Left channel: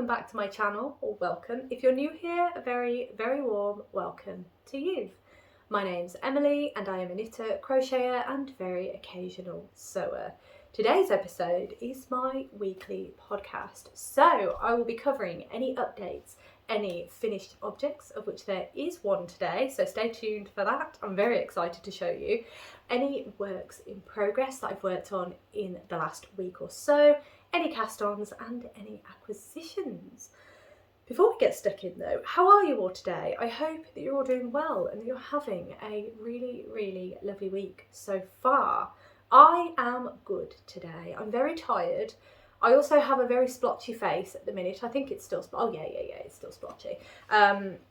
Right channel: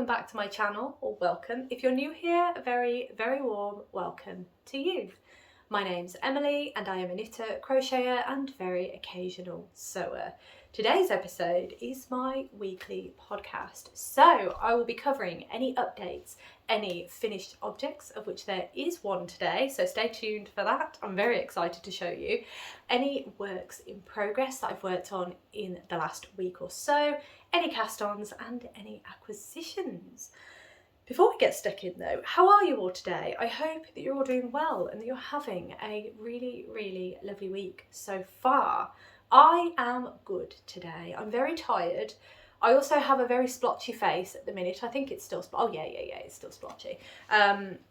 welcome back to my channel, or welcome. If you're new here, a very, very warm welcome to you. My name's Emily and I am a knitter, crocheter and very occasional sewer. Today's episode is my weekly podcast, so I will be covering any updates, any finished objects, of which there is one today, so stay tuned for that. I'm very excited to show you. Any works in progress that I've worked on in the last week or so, any cast-ons and any acquisitions. Before we get stuck in though, how are you all today? I hope that you're all doing well and that you're having a really, really lovely week so far. I am good today. I'm very tired. I also have a very splotchy face at the minute. I think it's still, it's still splotchy.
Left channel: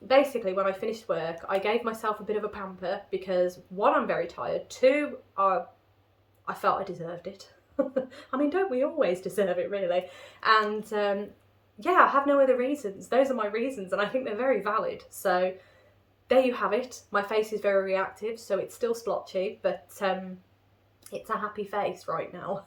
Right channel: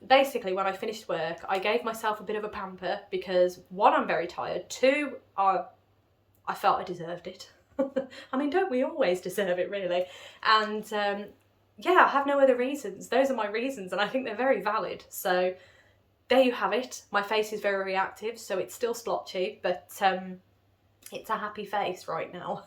Basically, when I finished work, I gave myself a bit of a pamper because one, I'm very tired. Two, I felt I deserved it. I mean, don't we always deserve it, really? And yeah, I have no other reasons. Those are my reasons, and I think they're very valid. So there you have it. My face is very reactive, so it's still splotchy, but it's a happy face right now.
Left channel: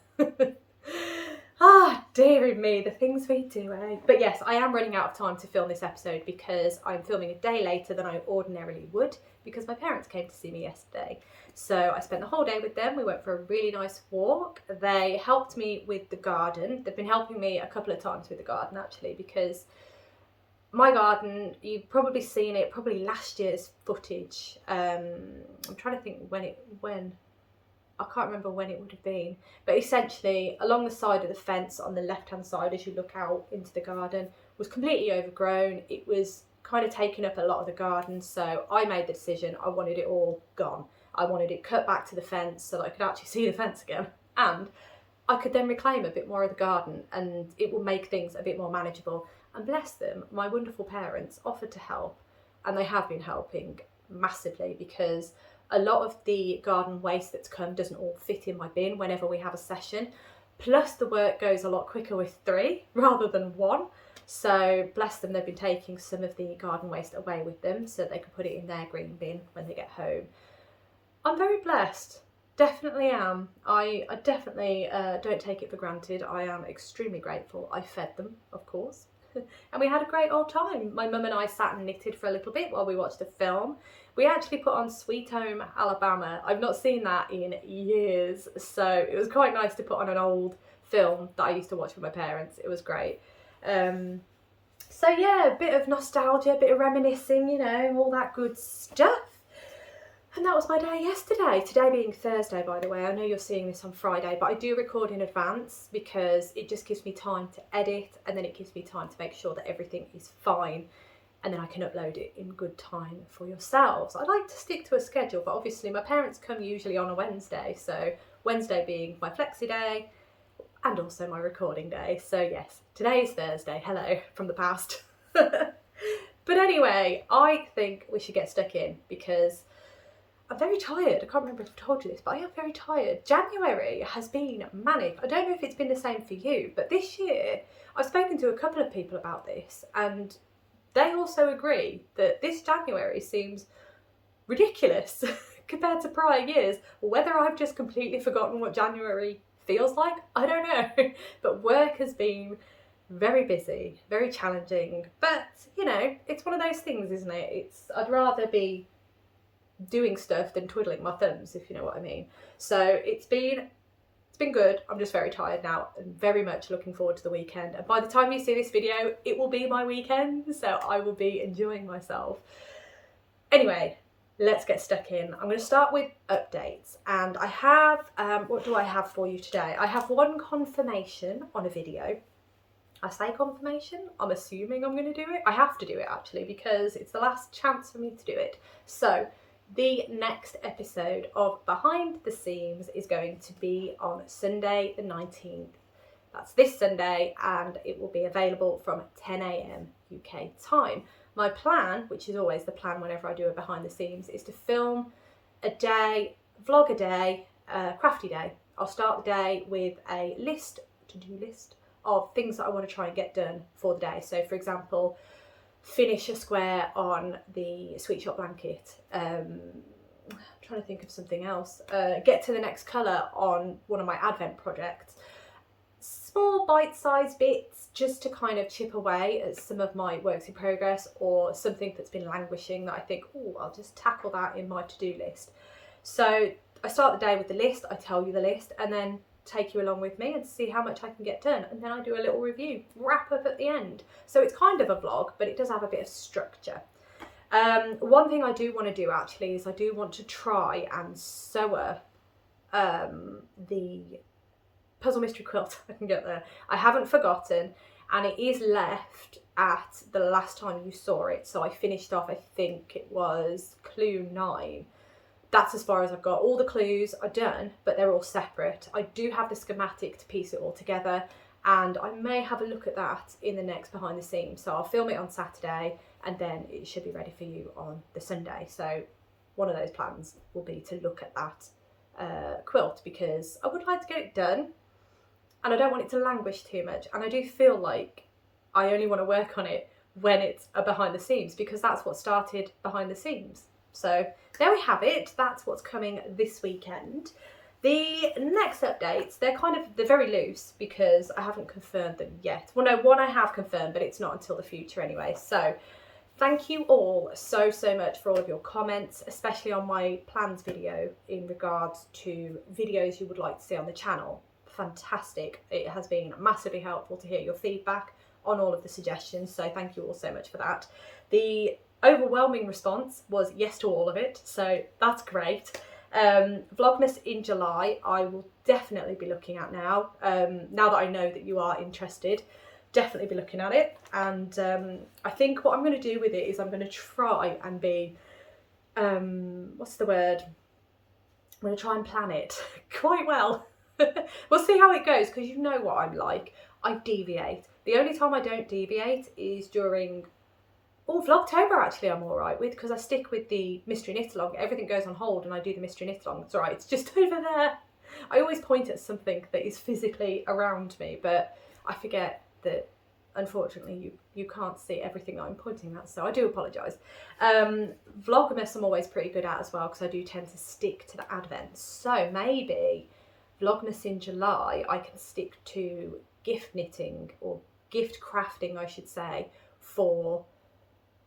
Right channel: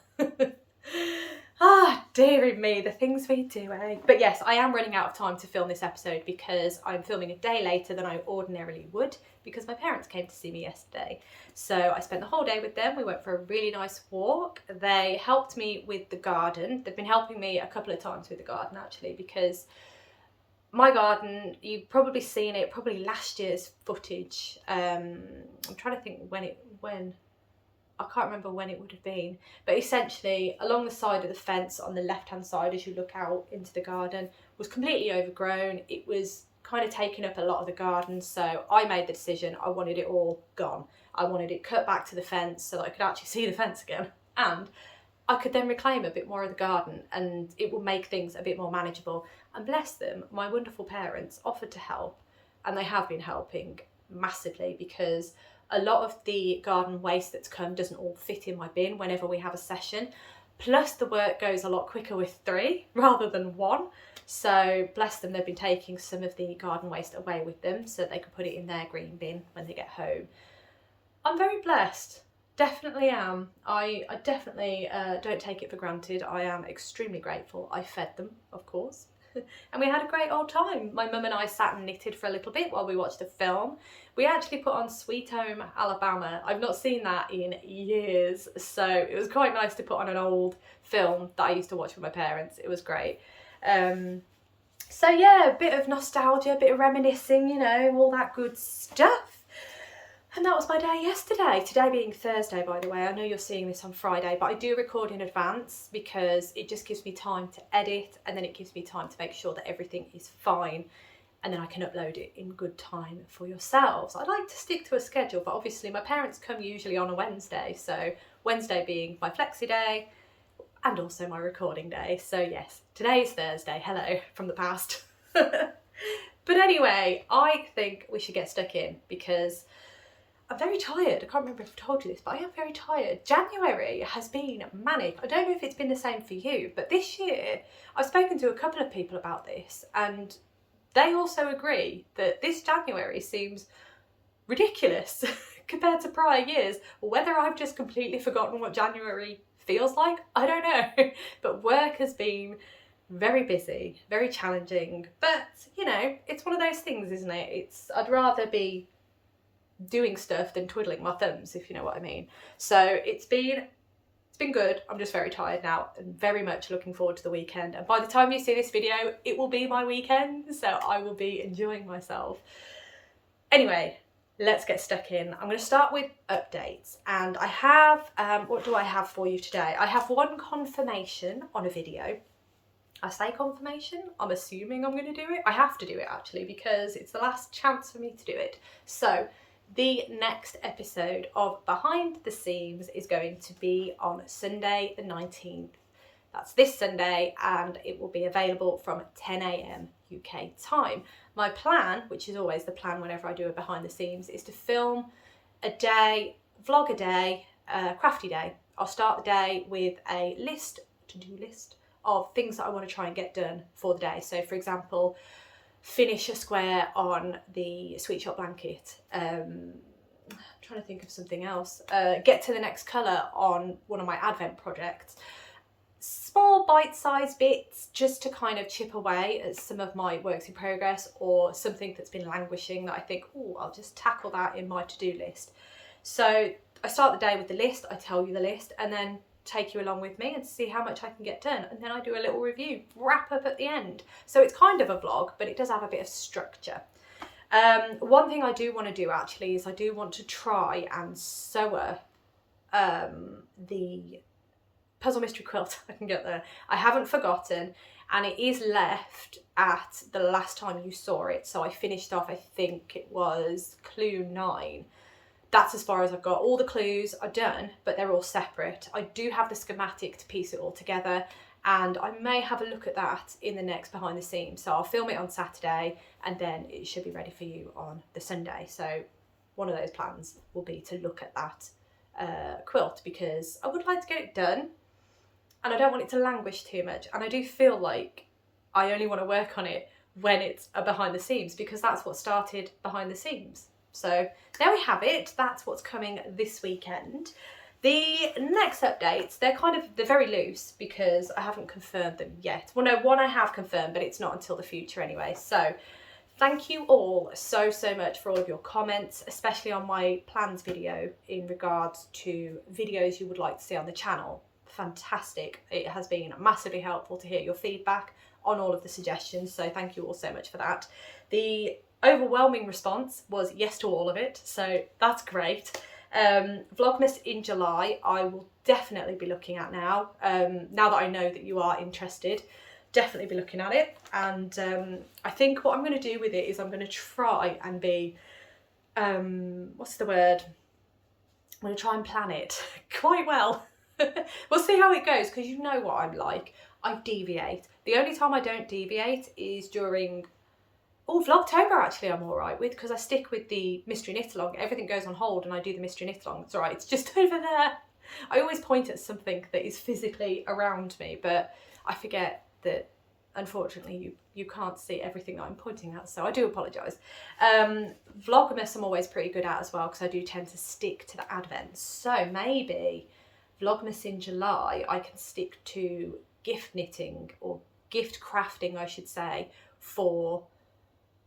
Ah, dearie me, the things we do, eh? But yes, I am running out of time to film this episode because I'm filming a day later than I ordinarily would because my parents came to see me yesterday. So I spent the whole day with them. We went for a really nice walk. They helped me with the garden. They've been helping me a couple of times with the garden actually, because my garden, you've probably seen it, probably last year's footage. I'm trying to think when. I can't remember when it would have been, but essentially along the side of the fence on the left hand side as you look out into the garden was completely overgrown. It was kind of taking up a lot of the garden, so I made the decision I wanted it all gone. I wanted it cut back to the fence so that I could actually see the fence again, and I could then reclaim a bit more of the garden and it will make things a bit more manageable. And bless them, my wonderful parents offered to help, and they have been helping massively because a lot of the garden waste that's come doesn't all fit in my bin whenever we have a session. Plus the work goes a lot quicker with 3 rather than 1. So bless them, they've been taking some of the garden waste away with them so they can put it in their green bin when they get home. I'm very blessed, definitely am. I definitely don't take it for granted. I am extremely grateful. I fed them, of course. And we had a great old time. My mum and I sat and knitted for a little bit while we watched a film. We actually put on Sweet Home Alabama. I've not seen that in years, so it was quite nice to put on an old film that I used to watch with my parents. It was great. So yeah, a bit of nostalgia, a bit of reminiscing, you know, all that good stuff. And that was my day yesterday. Today being Thursday, by the way. I know you're seeing this on Friday, but I do record in advance because it just gives me time to edit, and then it gives me time to make sure that everything is fine, and then I can upload it in good time for yourselves. I like to stick to a schedule, but obviously my parents come usually on a Wednesday, so Wednesday being my flexi day and also my recording day. So yes, today is Thursday. Hello from the past. But anyway, I think we should get stuck in because I'm very tired. I can't remember if I told you this, but I am very tired. January has been manic. I don't know if it's been the same for you, but this year I've spoken to a couple of people about this and they also agree that this January seems ridiculous compared to prior years. Whether I've just completely forgotten what January feels like, I don't know. But work has been very busy, very challenging. But, you know, it's one of those things, isn't it? I'd rather be doing stuff than twiddling my thumbs, if you know what I mean. So it's been good. I'm just very tired now and very much looking forward to the weekend. And by the time you see this video, it will be my weekend, so I will be enjoying myself. Anyway, let's get stuck in. I'm going to start with updates, and I have, what do I have for you today? I have one confirmation on a video. I say confirmation, I'm assuming I'm going to do it. I have to do it actually because it's the last chance for me to do it. So the next episode of Behind the Seams is going to be on Sunday the 19th. That's this Sunday, and it will be available from 10 AM UK time. My plan, which is always the plan whenever I do a Behind the Seams, is to film a day, vlog a day, crafty day. I'll start the day with a to-do list of things that I want to try and get done for the day. So for example, finish a square on the Sweet Shop blanket. I'm trying to think of something else. Get to the next colour on one of my Advent projects. small bite-sized bits just to kind of chip away at some of my works in progress or something that's been languishing that I think, oh, I'll just tackle that in my to-do list. So I start the day with the list, I tell you the list, and then take you along with me and see how much I can get done. And then I do a little review, wrap up at the end. So it's kind of a vlog, but it does have a bit of structure. One thing I do want to do actually is I do want to try and sew the puzzle mystery quilt. I can get there. I haven't forgotten, and it is left at the last time you saw it. So I finished off, I think it was clue 9. That's as far as I've got. All the clues are done, but they're all separate. I do have the schematic to piece it all together, and I may have a look at that in the next behind the scenes. So I'll film it on Saturday, and then it should be ready for you on the Sunday. So one of those plans will be to look at that quilt, because I would like to get it done, and I don't want it to languish too much. And I do feel like I only want to work on it when it's a behind the seams, because that's what started behind the seams. So there we have it. That's what's coming this weekend. The next updates, they're very loose because I haven't confirmed them yet. Well, no, one I have confirmed, but it's not until the future anyway. So thank you all so much for all of your comments, especially on my plans video in regards to videos you would like to see on the channel. Fantastic. It has been massively helpful to hear your feedback on all of the suggestions. So thank you all so much for that. The overwhelming response was yes to all of it, so that's great. Vlogmas in July I will definitely be looking at now. Now that I know that you are interested, definitely be looking at it. And I think what I'm going to do with it is I'm going to try and be what's the word, I'm going to try and plan it quite well. We'll see how it goes, because you know what I'm like, I deviate. The only time I don't deviate is during Vlogtober. Actually I'm all right with, because I stick with the mystery knit along. Everything goes on hold and I do the mystery knit along. It's all right, it's just over there. I always point at something that is physically around me, but I forget that unfortunately you can't see everything that I'm pointing at, so I do apologise. Vlogmas I'm always pretty good at as well, because I do tend to stick to the advents. So maybe Vlogmas in July I can stick to gift knitting, or gift crafting I should say, for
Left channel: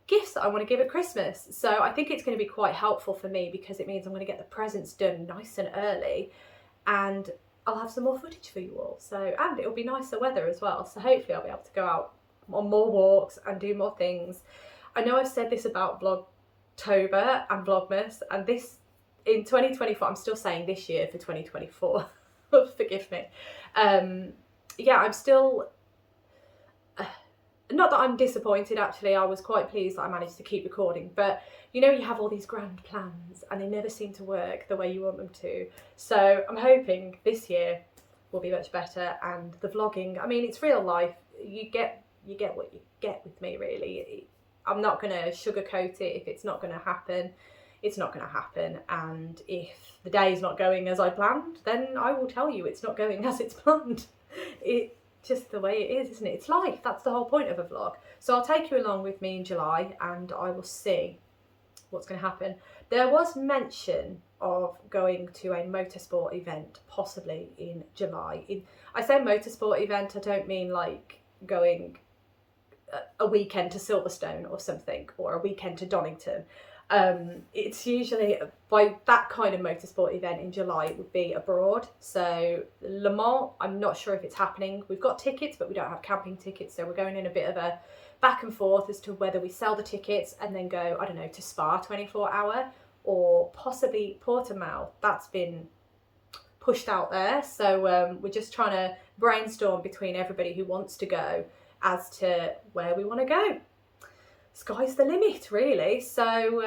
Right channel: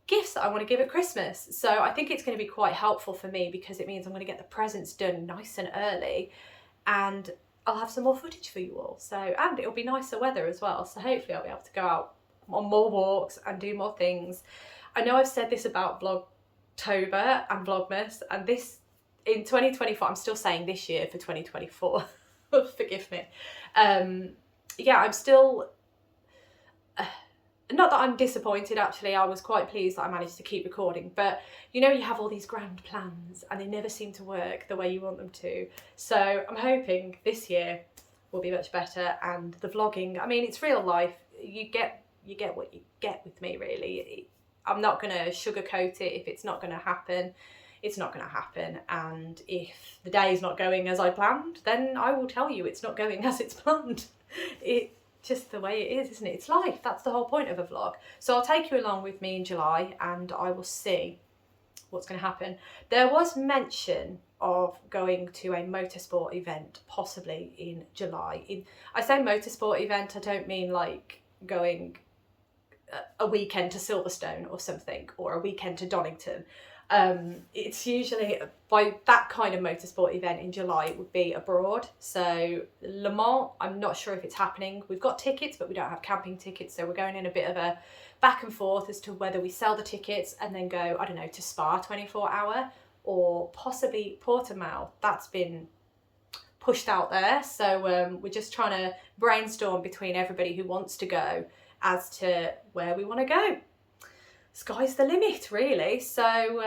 gifts that I want to give at Christmas. So I think it's going to be quite helpful for me, because it means I'm going to get the presents done nice and early, and I'll have some more footage for you all. So, and it'll be nicer weather as well, so hopefully I'll be able to go out on more walks and do more things. I know I've said this about Vlogtober and Vlogmas, and this in 2024, I'm still saying this year for 2024. Forgive me. Yeah, I'm still not that I'm disappointed, actually. I was quite pleased that I managed to keep recording, but you know, you have all these grand plans and they never seem to work the way you want them to. So I'm hoping this year will be much better, and the vlogging, I mean, it's real life. You get what you get with me, really. I'm not going to sugarcoat it. If it's not going to happen, it's not going to happen. And if the day is not going as I planned, then I will tell you it's not going as it's planned. It's just the way it is, isn't it? It's life. That's the whole point of a vlog. So I'll take you along with me in July, and I will see what's going to happen. There was mention of going to a motorsport event possibly in July. I say motorsport event, I don't mean like going a weekend to Silverstone or something, or a weekend to Donington. It's usually, by that kind of motorsport event in July, it would be abroad. So Le Mans, I'm not sure if it's happening. We've got tickets, but we don't have camping tickets, so we're going in a bit of a back and forth as to whether we sell the tickets and then go, I don't know, to Spa 24 hour, or possibly Portimao. That's been pushed out there, so we're just trying to brainstorm between everybody who wants to go as to where we want to go. Sky's the limit, really. So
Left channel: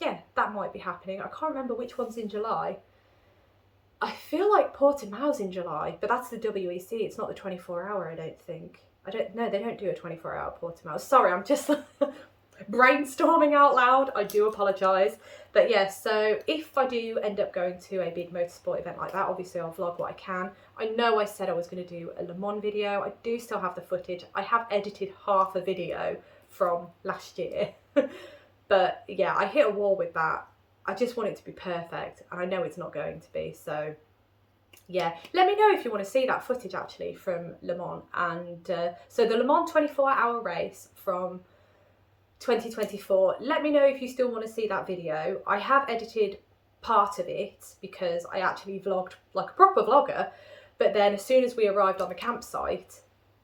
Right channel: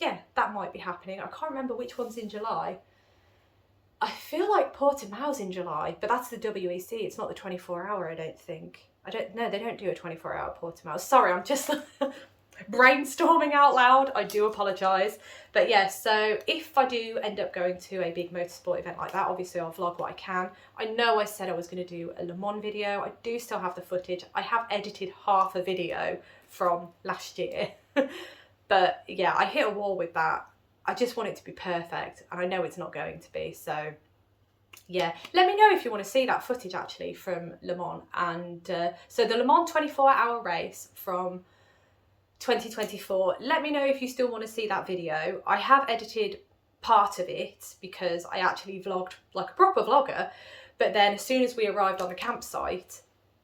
yeah, that might be happening. I can't remember which one's in July. I feel like Portimao's in July, but that's the WEC. It's not the 24 hour, I don't think. I don't know, they don't do a 24 hour Portimao. Sorry, I'm just brainstorming out loud. I do apologise. But yeah, so if I do end up going to a big motorsport event like that, obviously I'll vlog what I can. I know I said I was going to do a Le Mans video. I do still have the footage. I have edited half a video from last year. But yeah, I hit a wall with that. I just want it to be perfect, and I know it's not going to be, so yeah, let me know if you want to see that footage actually from Le Mans. And so the Le Mans 24-hour race from 2024, let me know if you still want to see that video. I have edited part of it because I actually vlogged like a proper vlogger, but then as soon as we arrived on the campsite,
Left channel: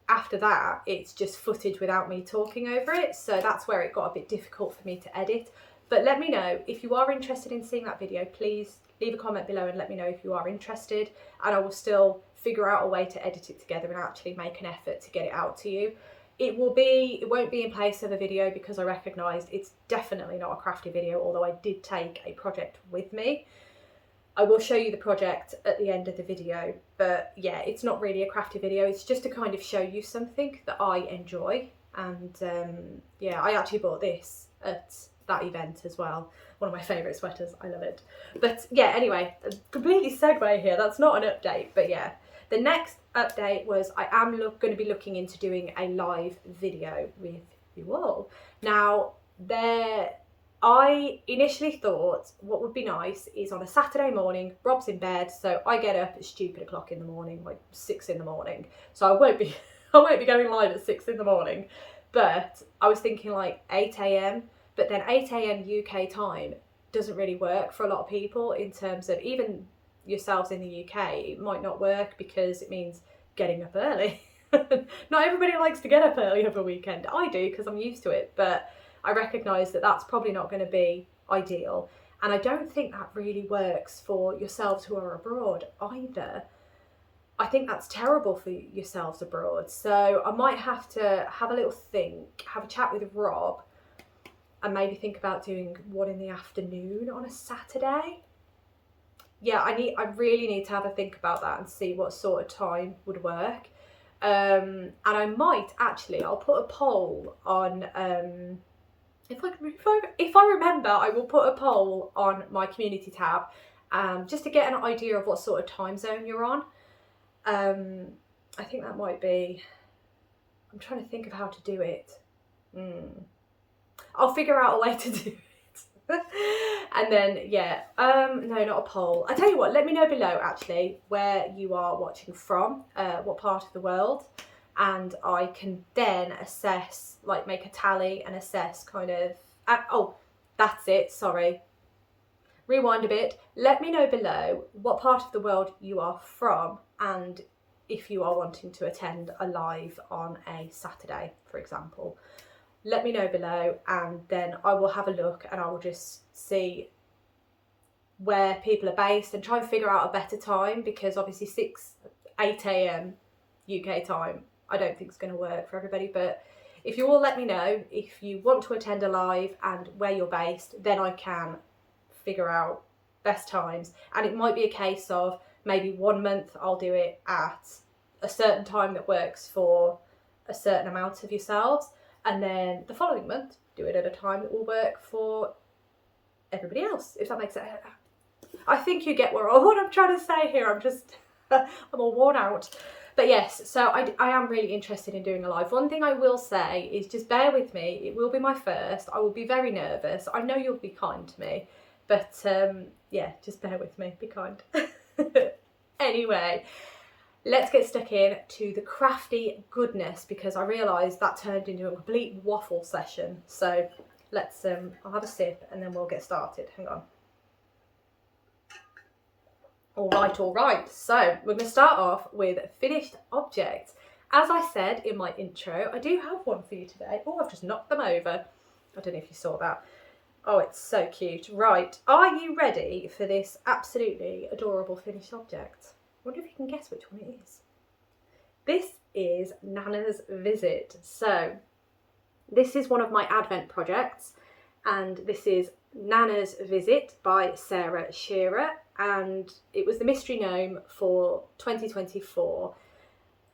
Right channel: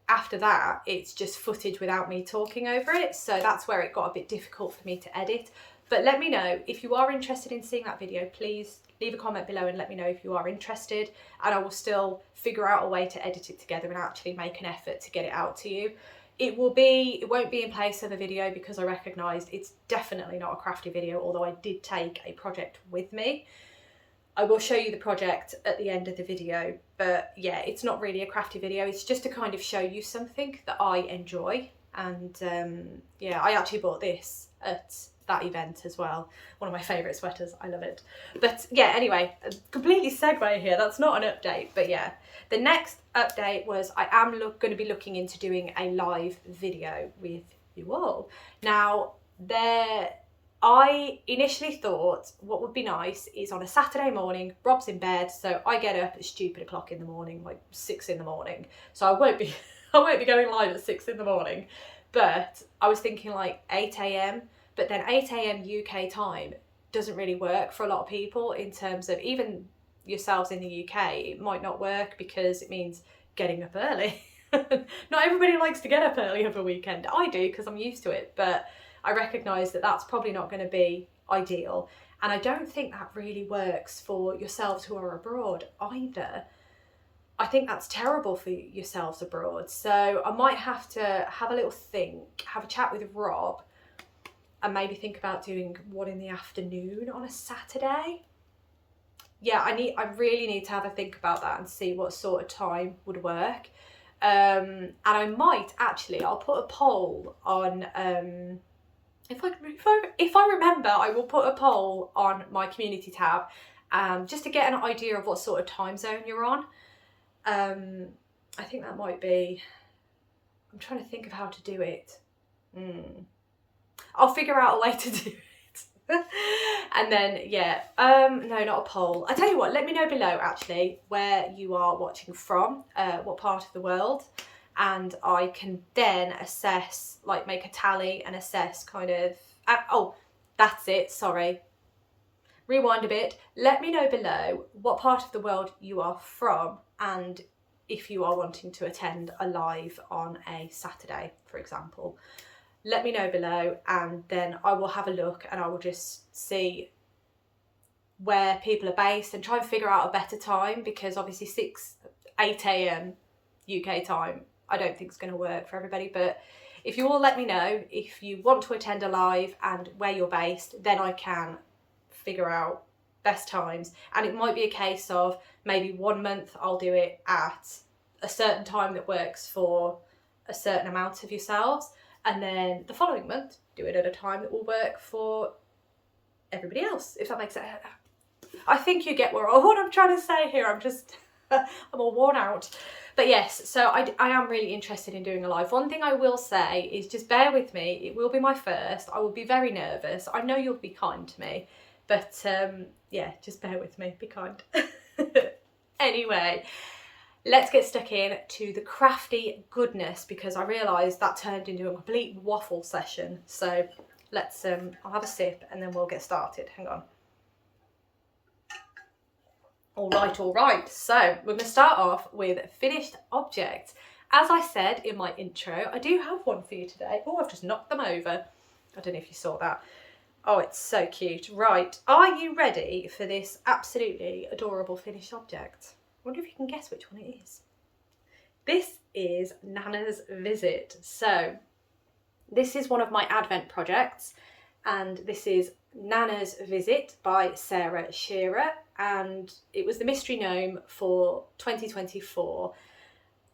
after that it's just footage without me talking over it, so that's where it got a bit difficult for me to edit. But let me know if you are interested in seeing that video. Please leave a comment below and let me know if you are interested, and I will still figure out a way to edit it together and actually make an effort to get it out to you. It won't be in place of a video because I recognised it's definitely not a crafty video, although I did take a project with me. I will show you the project at the end of the video, but yeah, it's not really a crafty video. It's just to kind of show you something that I enjoy. And yeah, I actually bought this at that event as well. One of my favourite sweaters, I love it. But yeah, anyway, completely segue here. That's not an update, but yeah. The next update was I am going to be looking into doing a live video with you all. Now, I initially thought what would be nice is on a Saturday morning, Rob's in bed, so I get up at stupid o'clock in the morning, like 6 in the morning. So I won't be going live at 6 in the morning, but I was thinking like 8 AM, but then 8 AM UK time doesn't really work for a lot of people in terms of even yourselves in the UK. It might not work because it means getting up early. Not everybody likes to get up early over a weekend. I do because I'm used to it, but I recognise that that's probably not going to be ideal, and I don't think that really works for yourselves who are abroad either. I think that's terrible for yourselves abroad, so I might have to have a little think, have a chat with Rob, and maybe think about doing one in the afternoon on a Saturday. Yeah, I really need to have a think about that and see what sort of time would work. And I might actually, I'll put a poll on, if I remember, I will put a poll on my community tab, just to get an idea of what sort of time zone you're on. I think that might be, I'm trying to think of how to do it. I'll figure out a way to do it. And then yeah, no, not a poll. I tell you what, let me know below actually where you are watching from, what part of the world, and I can then assess, like make a tally and assess kind of, oh, that's it, sorry. Rewind a bit. Let me know below what part of the world you are from and if you are wanting to attend a live on a Saturday, for example. Let me know below, and then I will have a look and I will just see where people are based and try and figure out a better time, because obviously 8 AM UK time I don't think it's going to work for everybody. But if you all let me know if you want to attend a live and where you're based, then I can figure out best times. And it might be a case of maybe 1 month I'll do it at a certain time that works for a certain amount of yourselves, and then the following month do it at a time that will work for everybody else, if that makes sense. I think you get what I'm trying to say here. I'm just I'm all worn out. But yes, so I am really interested in doing a live. One thing I will say is just bear with me. It will be my first. I will be very nervous. I know you'll be kind to me, but yeah, just bear with me. Be kind. Anyway, let's get stuck in to the crafty goodness, because I realised that turned into a complete waffle session. So let's, I'll have a sip and then we'll get started. Hang on. All right. So we're going to start off with finished objects. As I said in my intro, I do have one for you today. Oh, I've just knocked them over. I don't know if you saw that. Oh, it's so cute. Right. Are you ready for this absolutely adorable finished object? I wonder if you can guess which one it is. This is Gnana's Visit. So this is one of my Advent projects, and this is Gnana's Visit by Sarah Shearer, and it was the mystery gnome for 2024.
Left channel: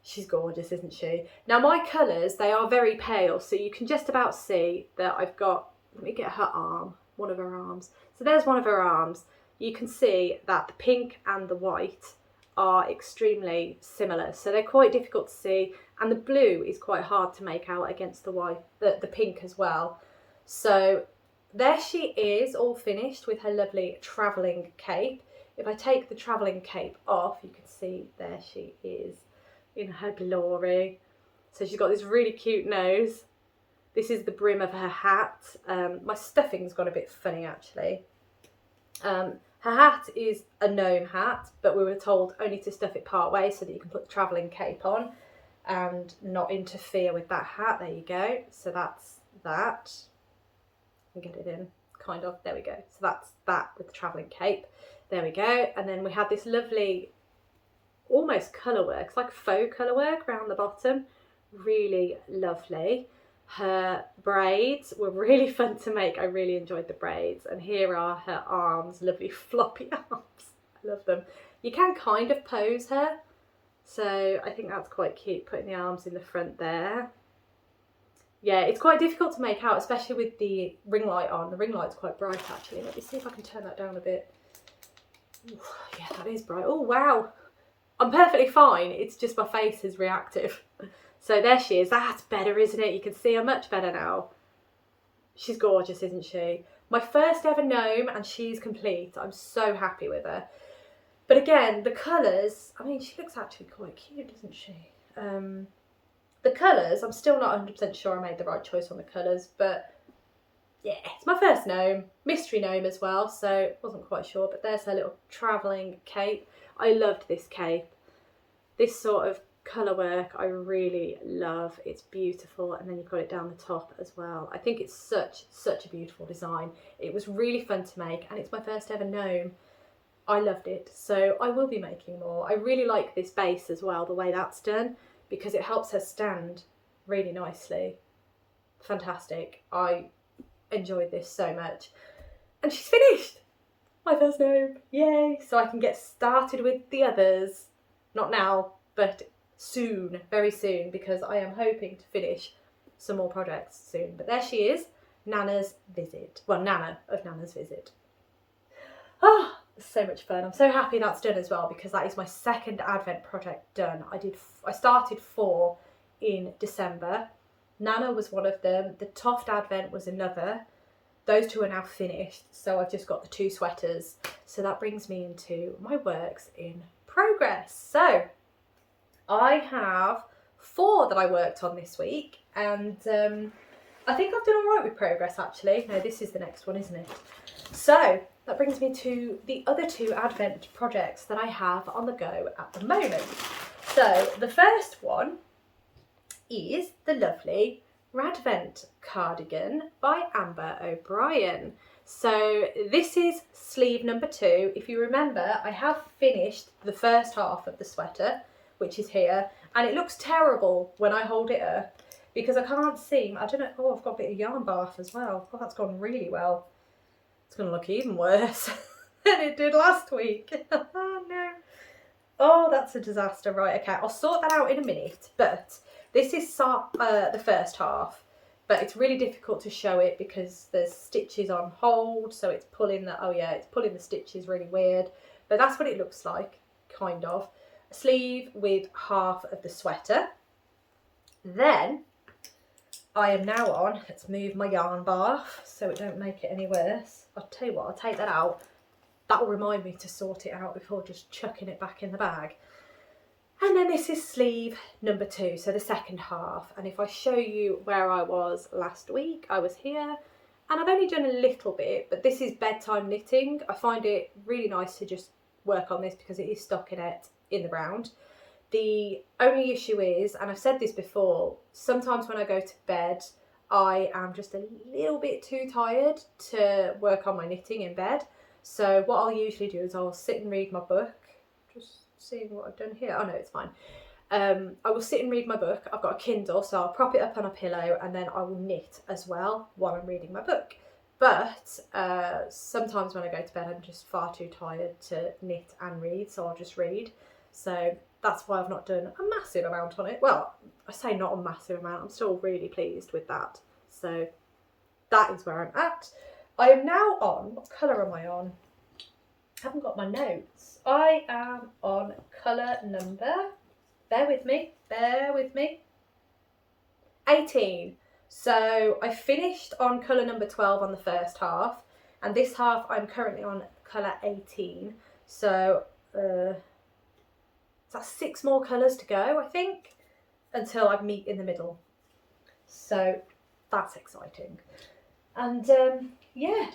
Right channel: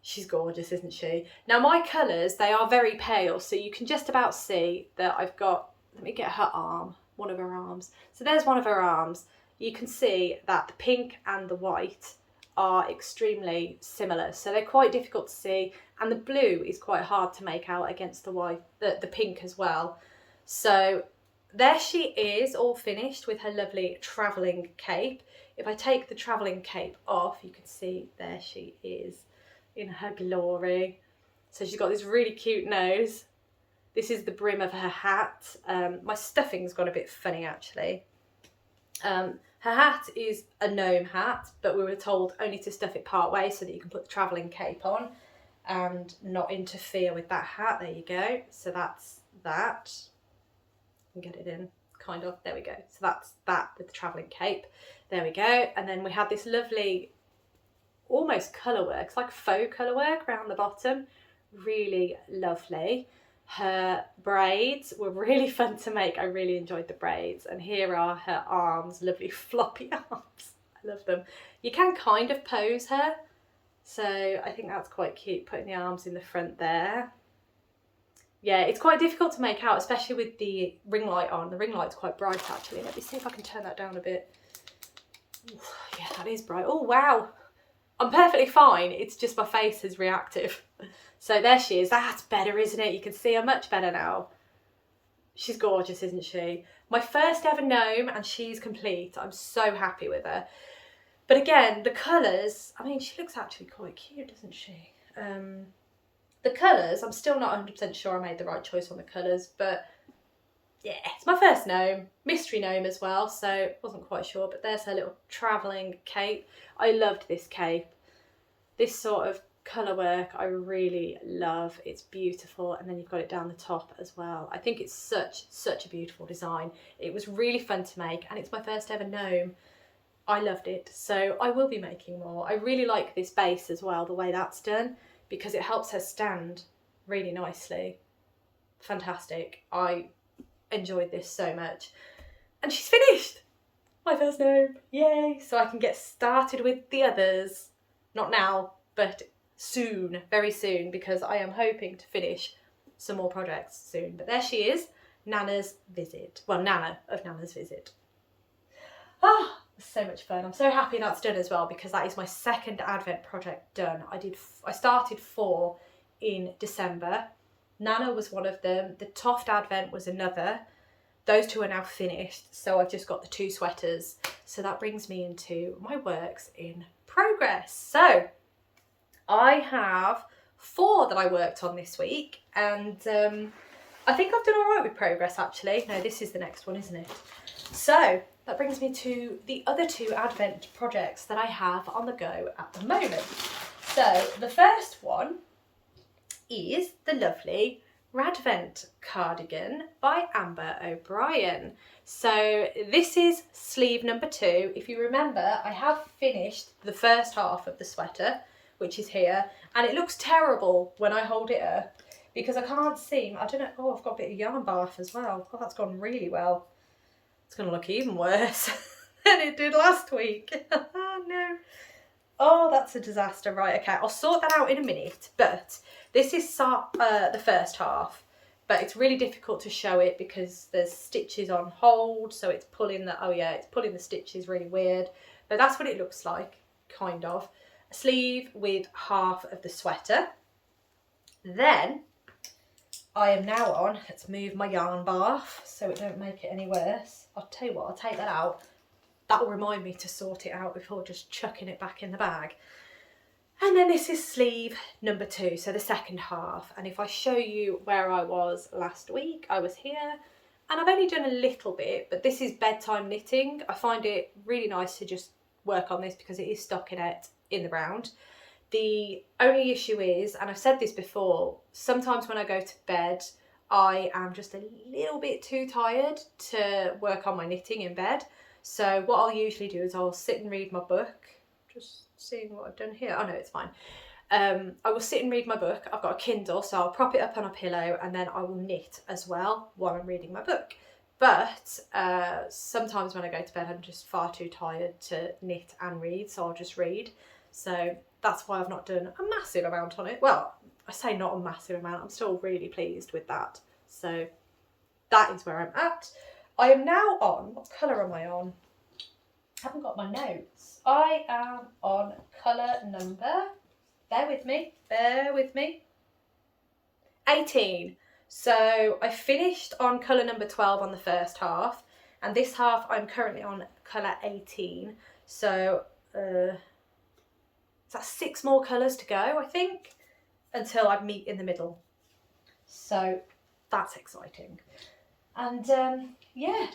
She's gorgeous, isn't she? Now my colours, they are very pale, so you can just about see that I've got, let me get her arm, one of her arms. So there's one of her arms. You can see that the pink and the white are extremely similar, so they're quite difficult to see, and the blue is quite hard to make out against the white, the pink as well. So there she is, all finished with her lovely travelling cape. If I take the travelling cape off, you can see there she is in her glory. So she's got this really cute nose. This is the brim of her hat. My stuffing's gone a bit funny actually. Her hat is a gnome hat, but we were told only to stuff it part way so that you can put the travelling cape on and not interfere with that hat. There you go. So that's that. I can get it in, kind of. There we go. So that's that with the travelling cape. There we go. And then we had this lovely, almost colour work. It's like faux colour work around the bottom. Really lovely. Her braids were really fun to make. I really enjoyed the braids. And here are her arms, lovely floppy arms. I love them. You can kind of pose her. So I think that's quite cute, putting the arms in the front there. Yeah, it's quite difficult to make out, especially with the ring light on. The ring light's quite bright actually. Let me see if I can turn that down a bit. Ooh, yeah, that is bright. Oh, wow. I'm perfectly fine. It's just my face is reactive. So there she is. That's better, isn't it? You can see her much better now. She's gorgeous, isn't she? My first ever gnome, and she's complete. I'm so happy with her. But again, the colours, I mean, she looks actually quite cute, doesn't she? The colours, I'm still not 100% sure I made the right choice on the colours, but yeah, it's my first gnome. Mystery gnome as well, so wasn't quite sure, but there's her little travelling cape. I loved this cape. This sort of colour work I really love. It's beautiful, and then you've got it down the top as well. I think it's such a beautiful design. It was really fun to make, and it's my first ever gnome. I loved it, so I will be making more. I really like this base as well, the way that's done, because it helps her stand really nicely. Fantastic. I enjoyed this so much. And she's finished! My first gnome, yay! So I can get started with the others. Not now, but soon, very soon, because I am hoping to finish some more projects soon. But there she is, Nana's visit. Well, Gnana of Nana's visit. Oh, so much fun. I'm so happy that's done as well, because that is my second Advent project done. I started 4 in December. Gnana was one of them. The Toft Advent was another. Those 2 are now finished, so I've just got the 2 sweaters. So that brings me into my works in progress. So I have 4 that I worked on this week, and I think I've done all right with progress actually. No, this is the next one, isn't it? So that brings me to the other 2 Advent projects that I have on the go at the moment. So the first one is the lovely Radvent Cardigan by Amber O'Brien. So this is sleeve number 2. If you remember, I have finished the first half of the sweater, which is here, and it looks terrible when I hold it up because I can't seem, I don't know, oh, I've got a bit of yarn barf as well. Oh, that's gone really well. It's going to look even worse than it did last week. Oh, no. Oh, that's a disaster. Right, okay, I'll sort that out in a minute, but this is the first half, but it's really difficult to show it because there's stitches on hold, so it's pulling the, oh yeah, it's pulling the stitches really weird, but that's what it looks like, kind of. A sleeve with half of the sweater. Then I am now on, let's move my yarn barf so it don't make it any worse. I'll tell you what, I'll take that out. That will remind me to sort it out before just chucking it back in the bag. And then this is sleeve number 2, so the second half. And if I show you where I was last week, I was here, and I've only done a little bit, but this is bedtime knitting. I find it really nice to just work on this because it is stockinette in the round. The only issue is, and I've said this before, sometimes when I go to bed, I am just a little bit too tired to work on my knitting in bed. So what I'll usually do is I'll sit and read my book. Just seeing what I've done here. Oh no, it's fine. I will sit and read my book. I've got a Kindle, so I'll prop it up on a pillow and then I will knit as well while I'm reading my book. But sometimes when I go to bed, I'm just far too tired to knit and read, so I'll just read. So that's why I've not done a massive amount on it. Well, I say not a massive amount. I'm still really pleased with that. So that is where I'm at. I am now on, what colour am I on? I haven't got my notes. I am on colour number, bear with me, 18. So I finished on colour number 12 on the first half, and this half I'm currently on colour 18. So that's 6 more colours to go, I think, until I meet in the middle. So that's exciting. And yeah,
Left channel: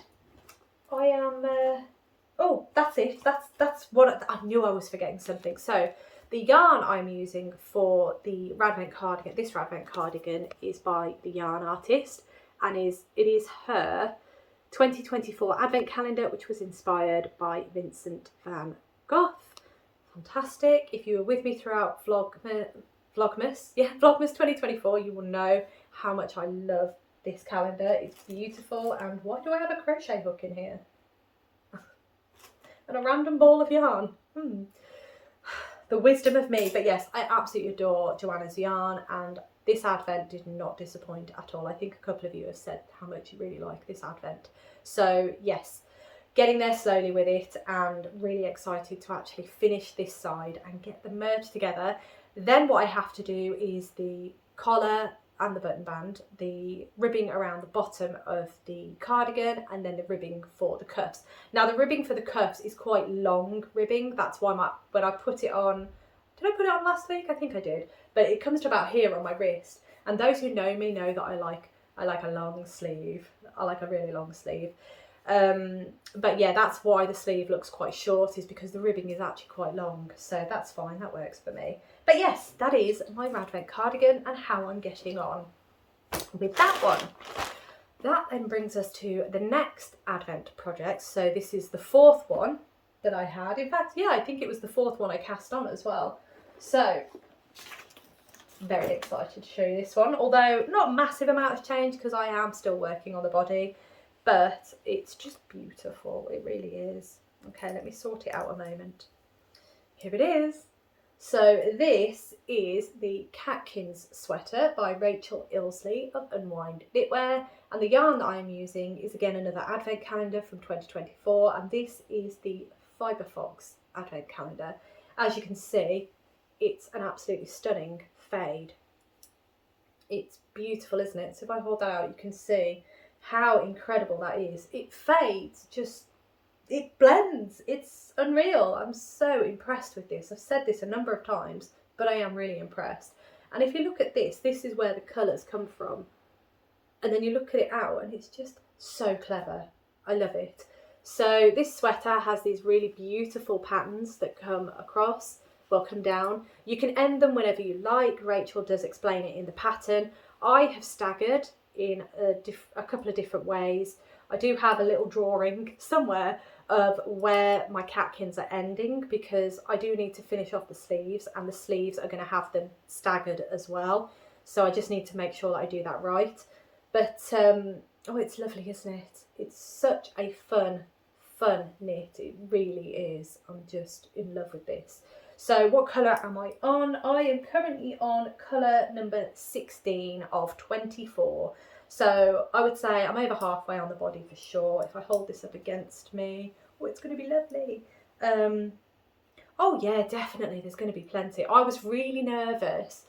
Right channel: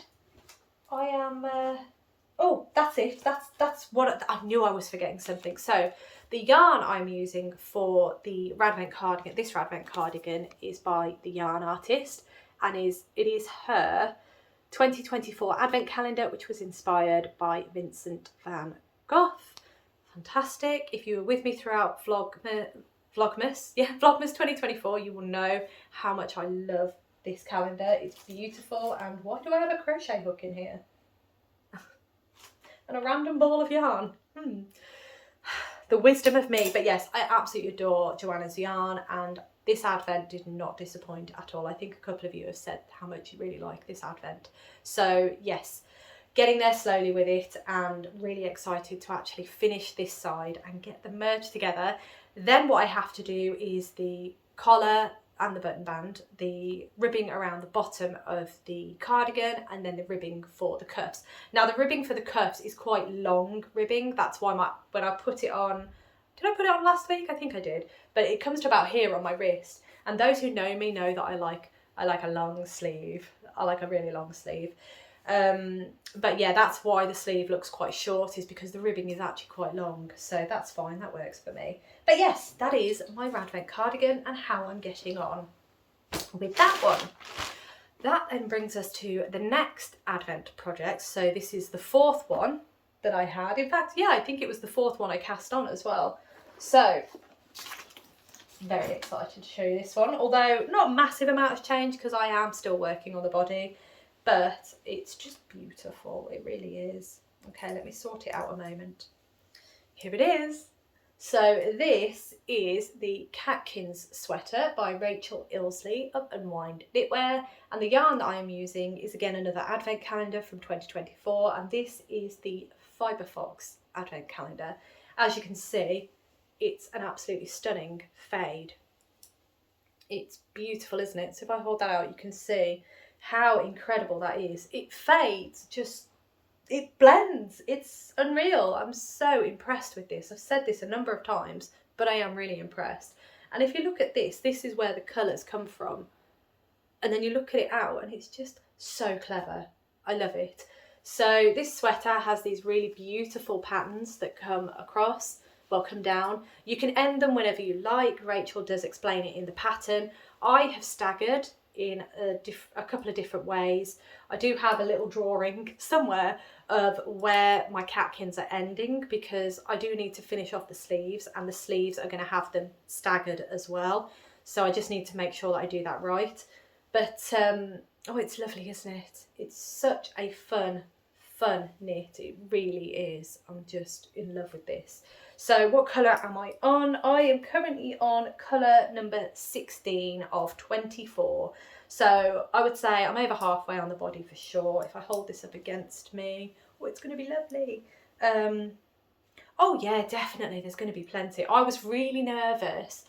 I am oh, that's it. That's what I knew. I was forgetting something. So the yarn I'm using for the Radvent cardigan, this Radvent cardigan, is by the yarn artist, and it is her 2024 advent calendar, which was inspired by Vincent van Gogh. Fantastic. If you were with me throughout Vlogmas 2024, you will know how much I love this calendar. It's beautiful. And why do I have a crochet hook in here? And a random ball of yarn. The wisdom of me. But yes, I absolutely adore Joanna's yarn, and this advent did not disappoint at all. I think a couple of you have said how much you really like this advent. So yes, getting there slowly with it, and really excited to actually finish this side and get them merged together. Then what I have to do is the collar and the button band, the ribbing around the bottom of the cardigan, and then the ribbing for the cuffs. Now the ribbing for the cuffs is quite long ribbing. That's why when I put it on, did I put it on last week? I think I did, but it comes to about here on my wrist. And those who know me know that I like a long sleeve. I like a really long sleeve. But yeah, that's why the sleeve looks quite short, is because the ribbing is actually quite long. So that's fine, that works for me. But yes, that is my Radvent cardigan and how I'm getting on with that one. That then brings us to the next advent project. So this is the 4th one that I had. In fact, yeah, I think it was the 4th one I cast on as well. So very excited to show you this one, although not a massive amount has changed because I am still working on the body. But it's just beautiful, it really is. Okay, let me sort it out a moment. Here it is. So this is the Catkins Sweater by Rachel Ilsley of Unwind Knitwear, and the yarn that I am using is again another advent calendar from 2024, and this is the Fibre Fox advent calendar. As you can see, it's an absolutely stunning fade. It's beautiful, isn't it? So if I hold that out, you can see how incredible that is. It fades, just, it blends. It's unreal. I'm so impressed with this. I've said this a number of times, but I am really impressed. And if you look at this is where the colours come from. And then you look at it out and it's just so clever. I love it. So this sweater has these really beautiful patterns that come across, well, come down. You can end them whenever you like. Rachel does explain it in the pattern. I have staggered in a couple of different ways. I do have a little drawing somewhere of where my catkins are ending, because I do need to finish off the sleeves, and the sleeves are going to have them staggered as well. So I just need to make sure that I do that right. But oh, it's lovely, isn't it? It's such a fun knit. It really is. I'm just in love with this. So what colour am I on? I am currently on colour number 16 of 24. So I would say I'm over halfway on the body for sure. If I hold this up against me, oh, it's going to be lovely. Oh yeah, definitely there's going to be plenty. I was really nervous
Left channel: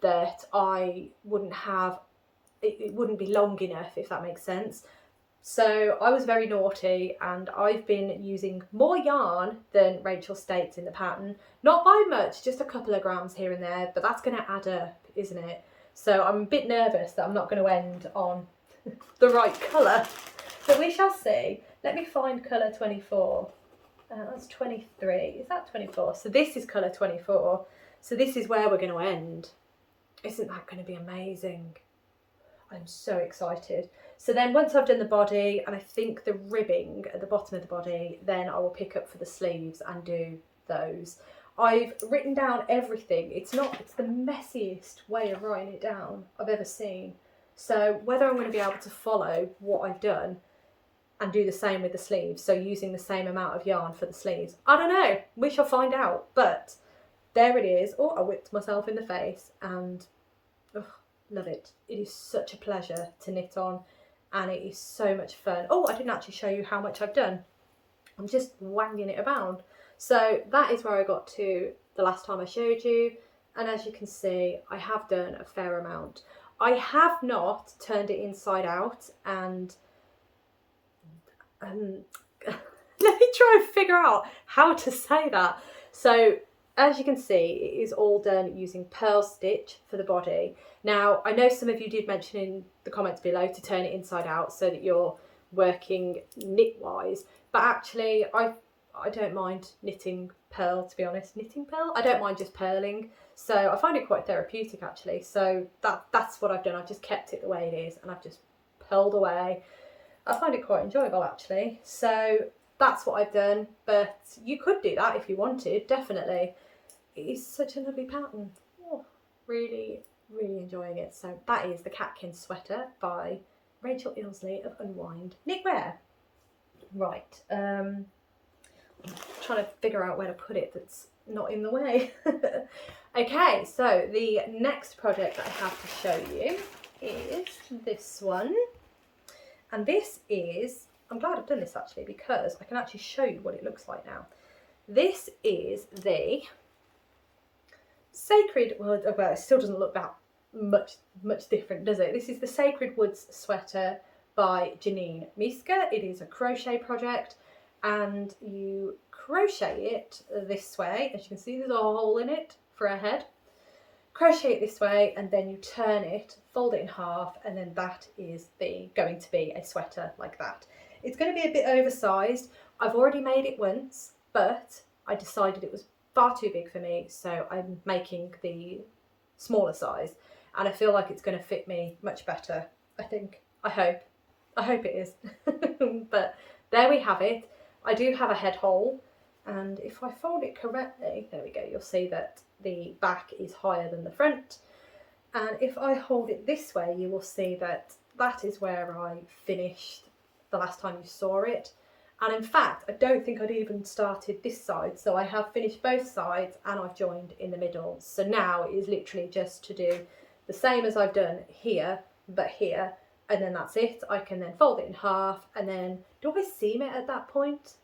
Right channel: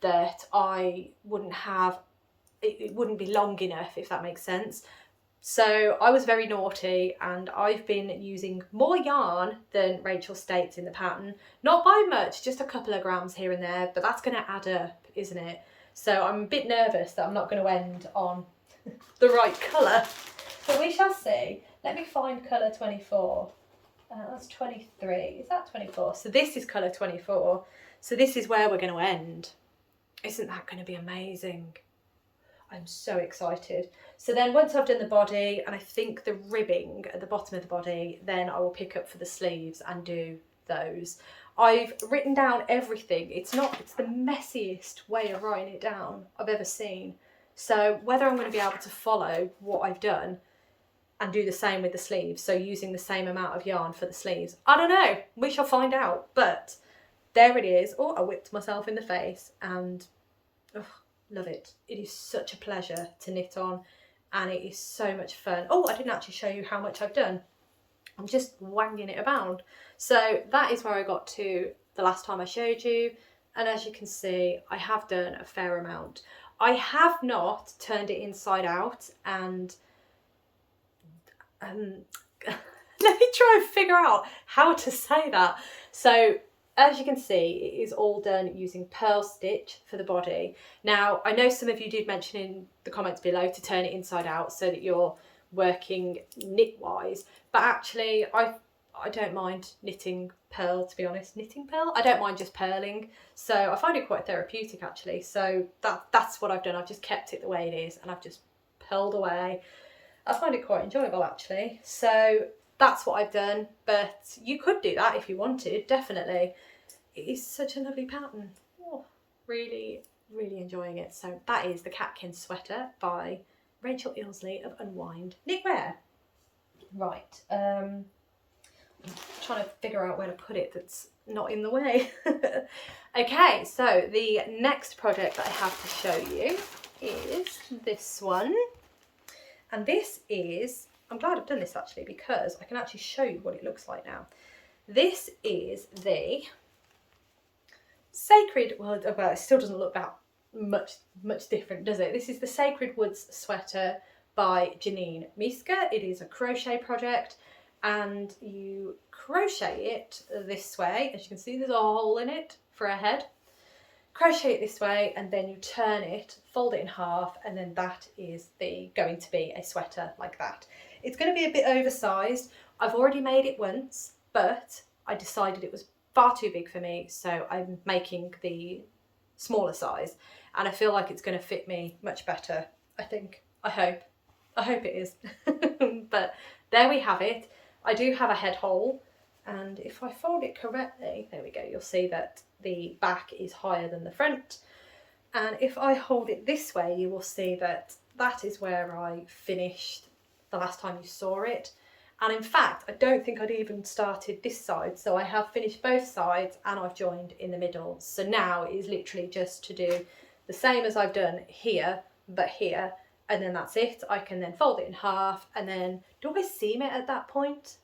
that I wouldn't have, it wouldn't be long enough, if that makes sense. So I was very naughty, and I've been using more yarn than Rachel states in the pattern. Not by much, just a couple of grams here and there, but that's going to add up, isn't it? So I'm a bit nervous that I'm not going to end on the right colour, but we shall see. Let me find colour 24. That's 23. Is that 24? So this is colour 24. So this is where we're going to end. Isn't that going to be amazing? I'm so excited. So then once I've done the body, and I think the ribbing at the bottom of the body, then I will pick up for the sleeves and do those. I've written down everything. It's the messiest way of writing it down I've ever seen. So whether I'm going to be able to follow what I've done and do the same with the sleeves, so using the same amount of yarn for the sleeves, I don't know. We shall find out. But there it is. Oh, I whipped myself in the face, and love it. It is such a pleasure to knit on, and it is so much fun. Oh, I didn't actually show you how much I've done. I'm just wanging it about. So that is where I got to the last time I showed you, and as you can see, I have done a fair amount. I have not turned it inside out, and let me try and figure out how to say that. So as you can see, it is all done using pearl stitch for the body. Now, I know some of you did mention in the comments below to turn it inside out so that you're working knit-wise, but actually I don't mind knitting pearl, to be honest. Knitting pearl? I don't mind just purling. So I find it quite therapeutic, actually. So that's what I've done. I've just kept it the way it is, and I've just purled away. I find it quite enjoyable, actually. So that's what I've done, but you could do that if you wanted, definitely. It is such a lovely pattern. Oh, really, really enjoying it. So that is the Catkins Sweater by Rachel Ilsley of Unwind Knitwear. Right, I'm trying to figure out where to put it that's not in the way. Okay, so the next project that I have to show you is this one. And this is, I'm glad I've done this actually, because I can actually show you what it looks like now. This is the Sacred, well it still doesn't look that much different, does it? This is the Sacred Woods Sweater by Janine Miska. It is a crochet project, and you crochet it this way. As you can see, there's a hole in it for a head. Crochet it this way, and then you turn it, fold it in half, and then that is going to be a sweater like that. It's going to be a bit oversized. I've already made it once, but I decided it was far too big for me, so I'm making the smaller size, and I feel like it's going to fit me much better. I think. I hope it is. But there we have it. I do have a head hole, and if I fold it correctly, there we go, you'll see that the back is higher than the front, and if I hold it this way, you will see that that is where I finished the last time you saw it. And in fact, I don't think I'd even started this side, so I have finished both sides and I've joined in the middle. So now it is literally just to do the same as I've done here, but here, and then that's it. I can then fold it in half, and then, do I seam it at that point?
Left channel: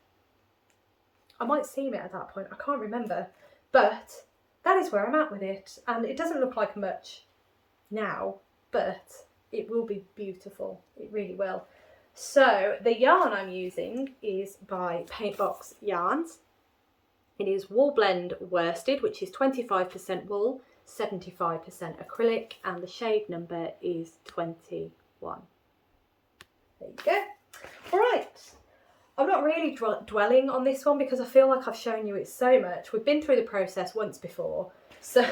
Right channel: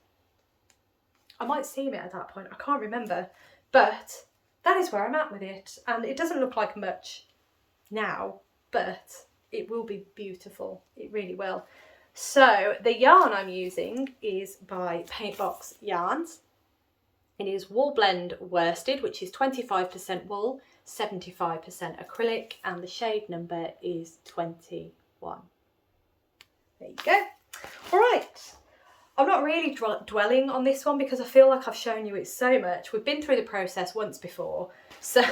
I might seam it at that point, I can't remember, but that is where I'm at with it. And it doesn't look like much now, but it will be beautiful, it really will. So the yarn I'm using is by Paintbox Yarns. It is Wool Blend Worsted, which is 25% wool, 75% acrylic, and the shade number is 21. There you go. All right. I'm not really dwelling on this one because I feel like I've shown you it so much. We've been through the process once before, so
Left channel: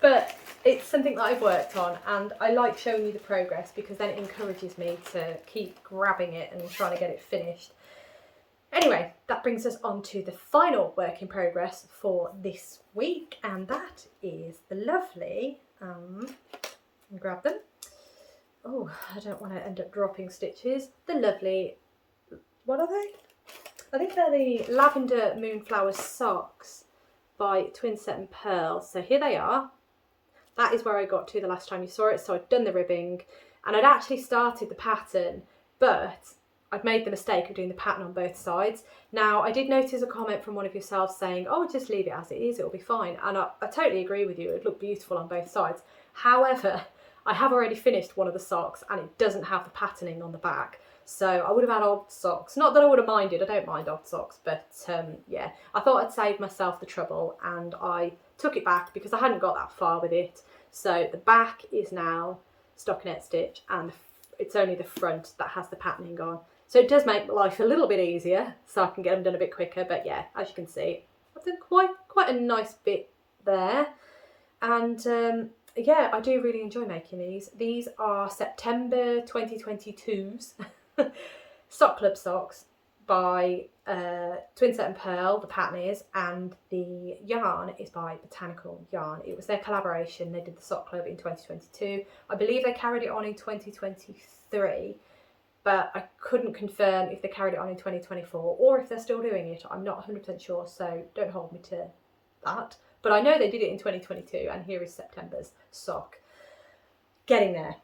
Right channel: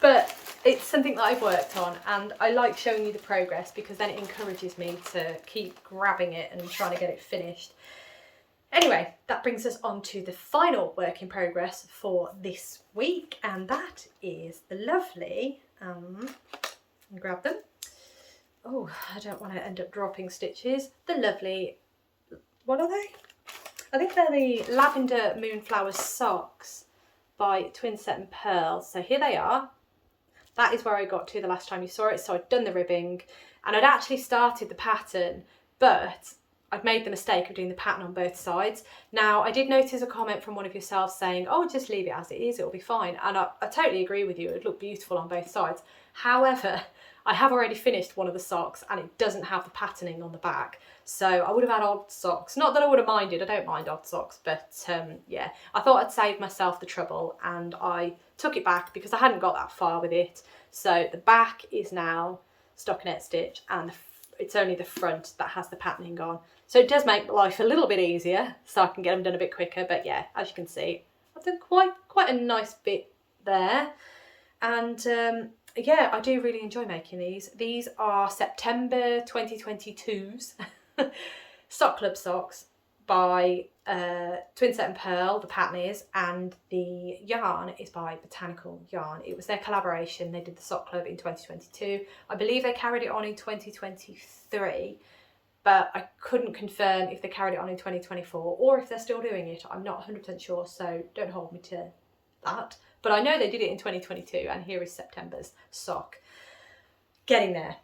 but it's something that I've worked on, and I like showing you the progress because then it encourages me to keep grabbing it and trying to get it finished. Anyway, that brings us on to the final work in progress for this week, and that is the lovely, grab them. Oh, I don't want to end up dropping stitches. The lovely, what are they? I think they're the Lavender Moonflower socks by Twinset and Pearl. So here they are. That is where I got to the last time you saw it. So I'd done the ribbing and I'd actually started the pattern, but I'd made the mistake of doing the pattern on both sides. Now, I did notice a comment from one of yourselves saying, oh, just leave it as it is, it'll be fine. And I totally agree with you, it'd look beautiful on both sides. However, I have already finished one of the socks and it doesn't have the patterning on the back. So I would have had odd socks. Not that I would have minded, I don't mind odd socks, but yeah, I thought I'd save myself the trouble and I took it back because I hadn't got that far with it. So the back is now stockinette stitch and it's only the front that has the patterning on. So it does make life a little bit easier so I can get them done a bit quicker. But yeah, as you can see, I've done quite a nice bit there. And yeah, I do really enjoy making these. These are September 2022's Sock Club socks by Twinset and Pearl, the pattern is, and the yarn is by Botanical Yarn. It was their collaboration. They did the Sock Club in 2022. I believe they carried it on in 2023, but I couldn't confirm if they carried it on in 2024 or if they're still doing it. I'm not 100% sure, so don't hold me to that. But I know they did it in 2022, and here is September's sock. Getting there.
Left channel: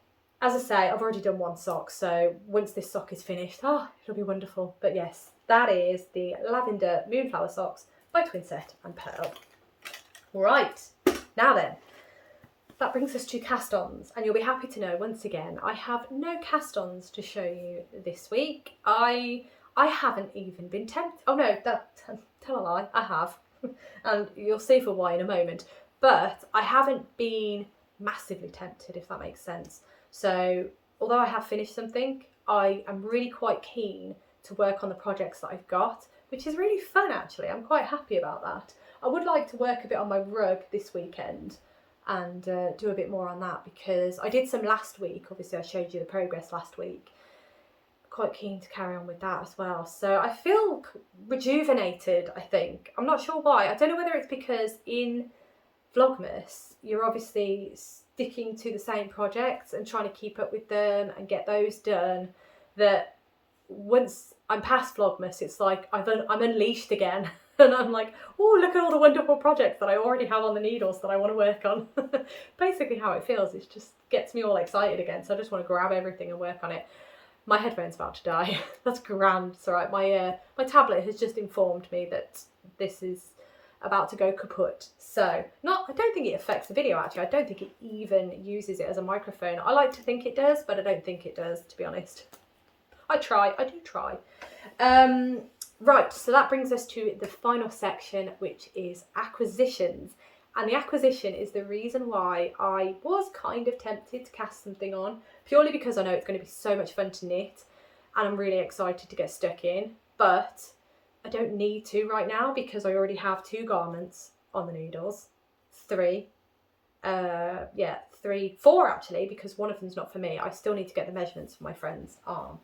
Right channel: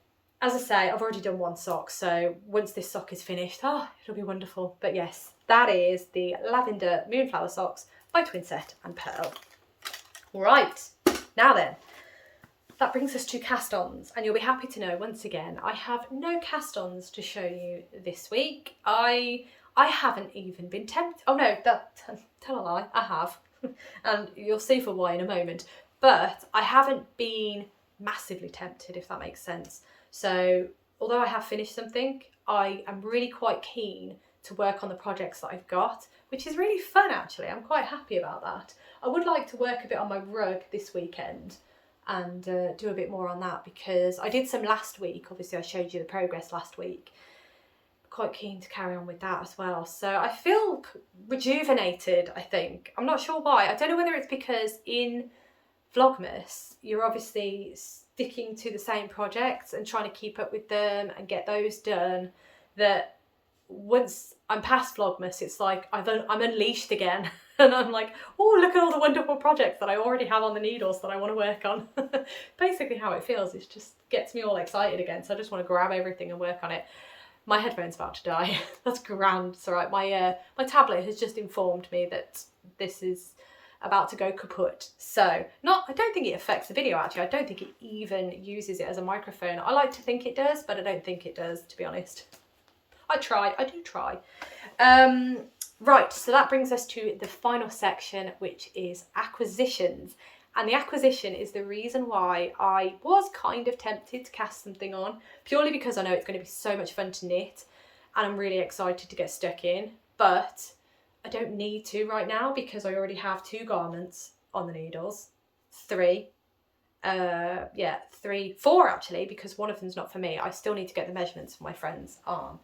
As I say, I've already done one sock, so once this sock is finished, it'll be wonderful. But yes, that is the Lavender Moonflower socks by Twinset and Pearl. All right, now then, that brings us to cast-ons, and you'll be happy to know once again I have no cast-ons to show you this week. I haven't even been tempted. Oh no, tell a lie, I have. And you'll see for why in a moment. But I haven't been massively tempted, if that makes sense. So although I have finished something, I am really quite keen to work on the projects that I've got, which is really fun actually. I'm quite happy about that. I would like to work a bit on my rug this weekend and do a bit more on that, because I did some last week. Obviously I showed you the progress last week. Quite keen to carry on with that as well. So I feel rejuvenated, I think. I'm not sure why. I don't know whether it's because in Vlogmas you're obviously sticking to the same projects and trying to keep up with them and get those done, that once I'm past Vlogmas it's like I'm unleashed again. And I'm like, oh, look at all the wonderful projects that I already have on the needles that I want to work on. Basically how it feels. It just gets me all excited again. So I just want to grab everything and work on it. My headphone's about to die. That's grand. It's all right. My tablet has just informed me that this is about to go kaput. So I don't think it affects the video actually. I don't think it even uses it as a microphone. I like to think it does, but I don't think it does, to be honest. I do try. Right, so that brings us to the final section, which is acquisitions. And the acquisition is the reason why I was kind of tempted to cast something on, purely because I know it's going to be so much fun to knit and I'm really excited to get stuck in. But I don't need to right now because I already have 2 garments on the needles. 3. 4 actually, because one of them's not for me. I still need to get the measurements for my friend's arm.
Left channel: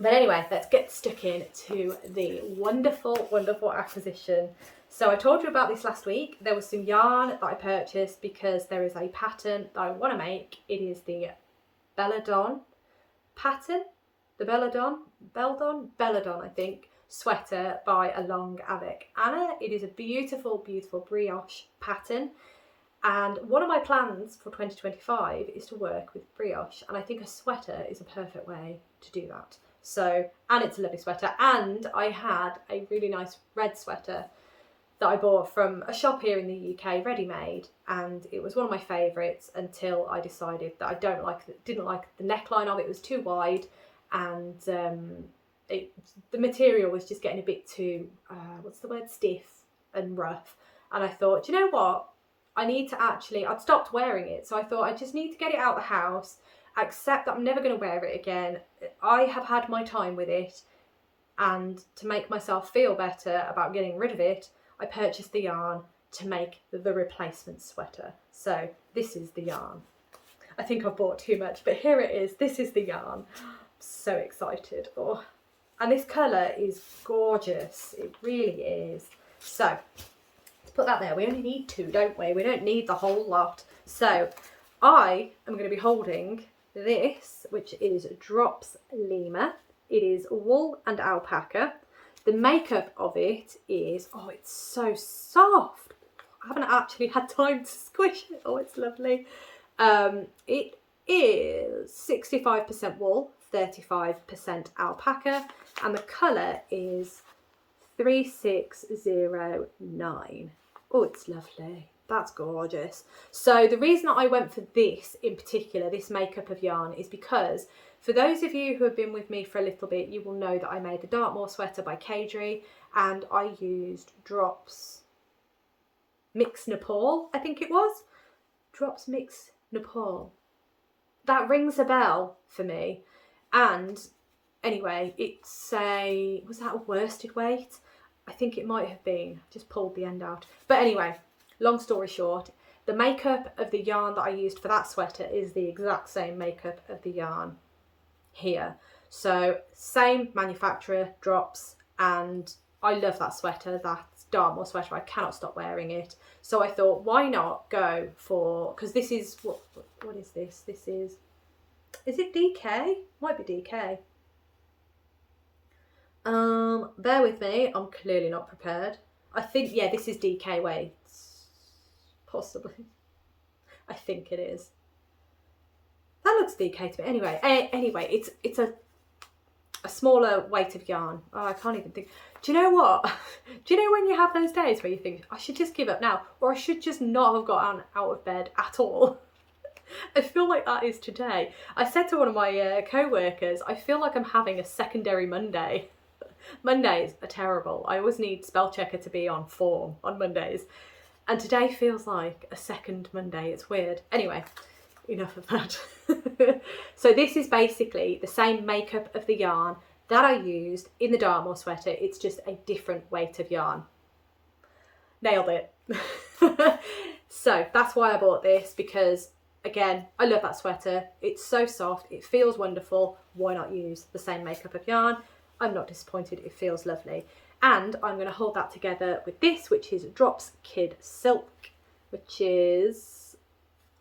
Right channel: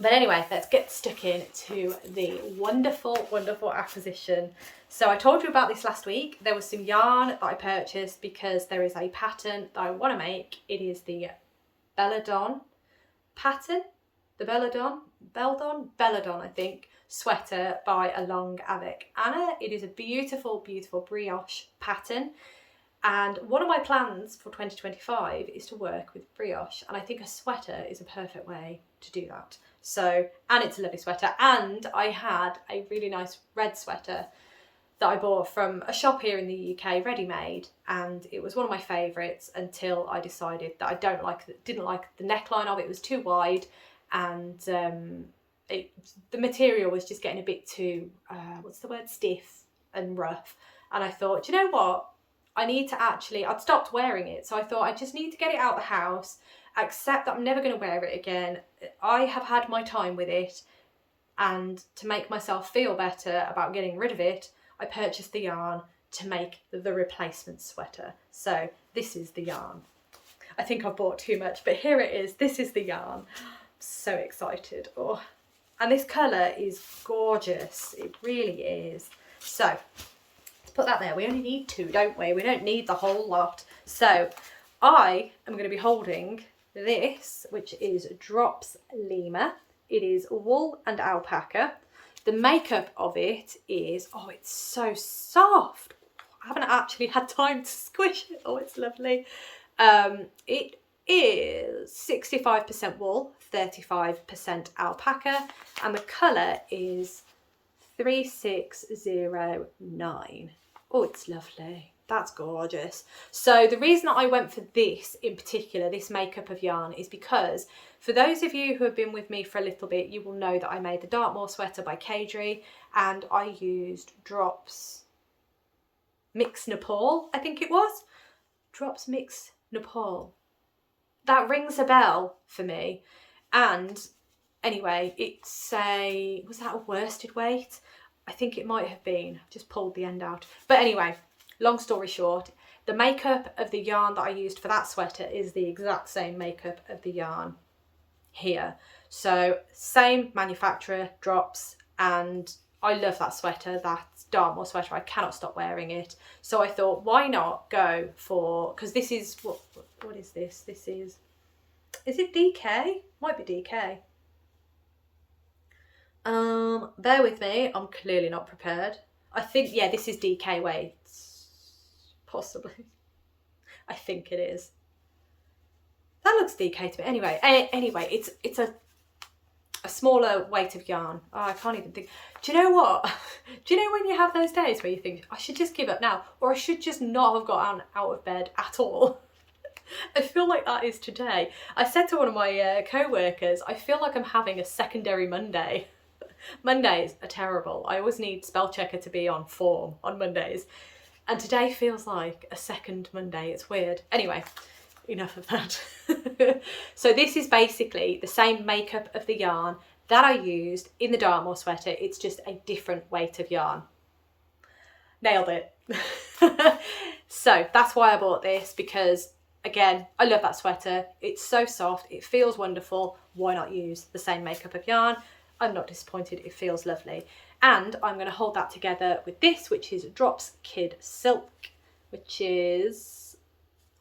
But anyway, let's get stuck in to the wonderful, wonderful acquisition. So I told you about this last week. There was some yarn that I purchased because there is a pattern that I want to make. It is the Belladon pattern, the Belladon, I think, sweater by Along avec Anna. It is a beautiful, beautiful brioche pattern. And one of my plans for 2025 is to work with brioche. And I think a sweater is a perfect way to do that. So, and it's a lovely sweater. And I had a really nice red sweater that I bought from a shop here in the UK, ready-made. And it was one of my favourites until I decided that I didn't like the neckline of it. It was too wide. And the material was just getting a bit too, stiff and rough. And I thought, do you know what? I'd stopped wearing it. So I thought I just need to get it out of the house, accept that I'm never going to wear it again. I have had my time with it. And to make myself feel better about getting rid of it, I purchased the yarn to make the replacement sweater. So this is the yarn. I think I've bought too much, but here it is. This is the yarn. I'm so excited. Oh, and this colour is gorgeous. It really is. So put that there. We only need 2, don't we? We don't need the whole lot. So I am going to be holding this, which is Drops Lima. It is wool and alpaca. The makeup of it is, oh, it's so soft. I haven't actually had time to squish it. Oh, it's lovely. It is 65% wool, 35% alpaca, and the colour is 3609. Oh, it's lovely. That's gorgeous. So the reason that I went for this in particular, this makeup of yarn, is because for those of you who have been with me for a little bit, you will know that I made the Dartmoor sweater by Kadri, and I used Drops Mix Nepal, I think it was. Drops Mix Nepal. That rings a bell for me. And anyway, was that a worsted weight? I think it might have been. I've just pulled the end out. But anyway, long story short, the makeup of the yarn that I used for that sweater is the exact same makeup of the yarn here. So same manufacturer, Drops, and I love that sweater, that Dartmoor sweater. I cannot stop wearing it. So I thought, why not go for, because this is, what is this? This is it DK? Might be DK. Bear with me, I'm clearly not prepared. I think, yeah, this is DK weights, possibly. I think it is. That looks DK to me. Anyway, it's a a smaller weight of yarn. Oh, I can't even think. Do you know what? Do you know when you have those days where you think, I should just give up now, or I should just not have gotten out of bed at all? I feel like that is today. I said to one of my co-workers, I feel like I'm having a secondary Monday. Mondays are terrible. I always need spell checker to be on form on Mondays. And today feels like a second Monday. It's weird. Anyway, enough of that. So this is basically the same makeup of the yarn that I used in the Dartmoor sweater. It's just a different weight of yarn. Nailed it. So that's why I bought this, because again, I love that sweater. It's so soft. It feels wonderful. Why not use the same makeup of yarn? I'm not disappointed. It feels lovely. And I'm going to hold that together with this, which is Drops Kid Silk, which is,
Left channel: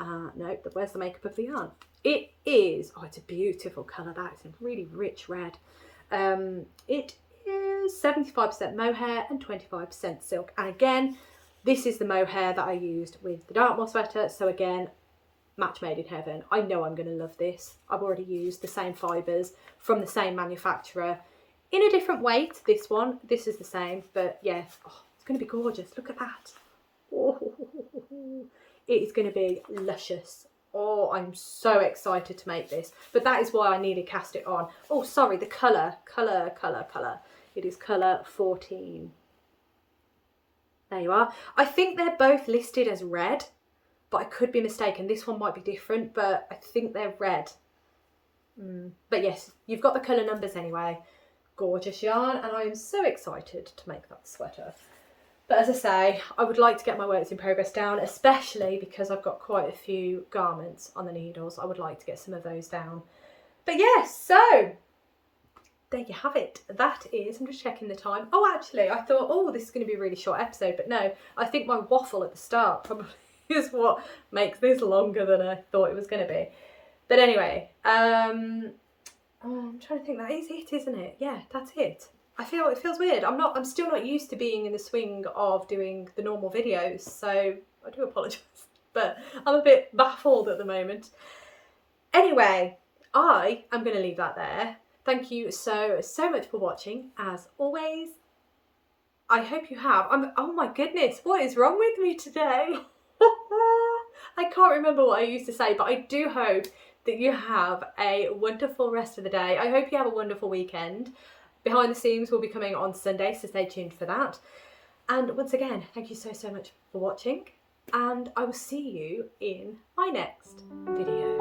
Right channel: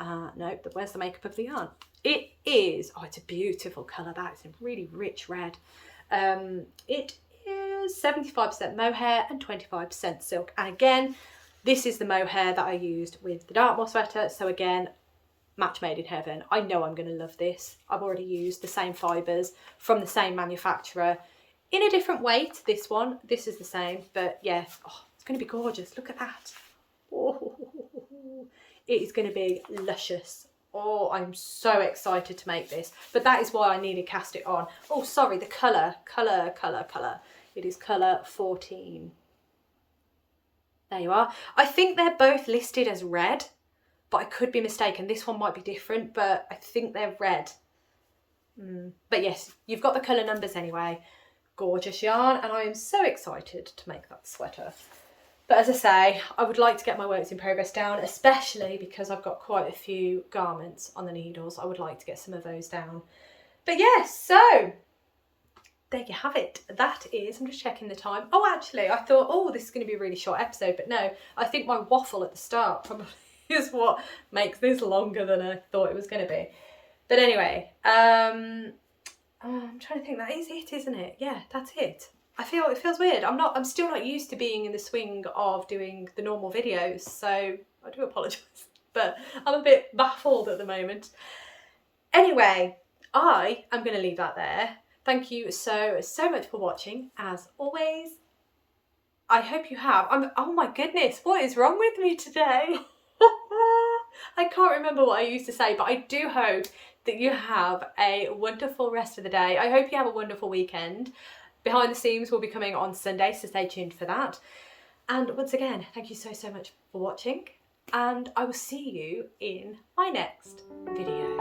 no, where's the makeup of the yarn? It is, oh, it's a beautiful colour. That is a really rich red. It is 75% mohair and 25% silk. And again, this is the mohair that I used with the Dartmoor sweater. So again, match made in heaven. I know I'm going to love this. I've already used the same fibres from the same manufacturer in a different weight. This is the same, but yeah, oh, it's going to be gorgeous. Look at that. Oh, it is going to be luscious. Oh, I'm so excited to make this, but that is why I needed Cast It On. Oh, sorry, the colour. It is colour 14. There you are. I think they're both listed as red, but I could be mistaken. This one might be different, but I think they're red. But yes, you've got the colour numbers anyway. Gorgeous yarn, and I am so excited to make that sweater. But as I say, I would like to get my works in progress down, especially because I've got quite a few garments on the needles. I would like to get some of those down. But yes, so there you have it. That is, I'm just checking the time. Oh, actually, I thought, oh, this is going to be a really short episode, but no, I think my waffle at the start probably is what makes this longer than I thought it was going to be. But anyway, I'm trying to think. That is it, isn't it? Yeah, that's it. I feel it feels weird. I'm still not used to being in the swing of doing the normal videos, so I do apologise, but I'm a bit baffled at the moment. Anyway, I am going to leave that there. Thank you so much for watching, as always. I hope you have. Oh my goodness, what is wrong with me today? I can't remember what I used to say, but I do hope that you have a wonderful rest of the day. I hope you have a wonderful weekend. Behind the Seams will be coming on Sunday, so stay tuned for that. And once again, thank you so much for watching, and I will see you in my next video.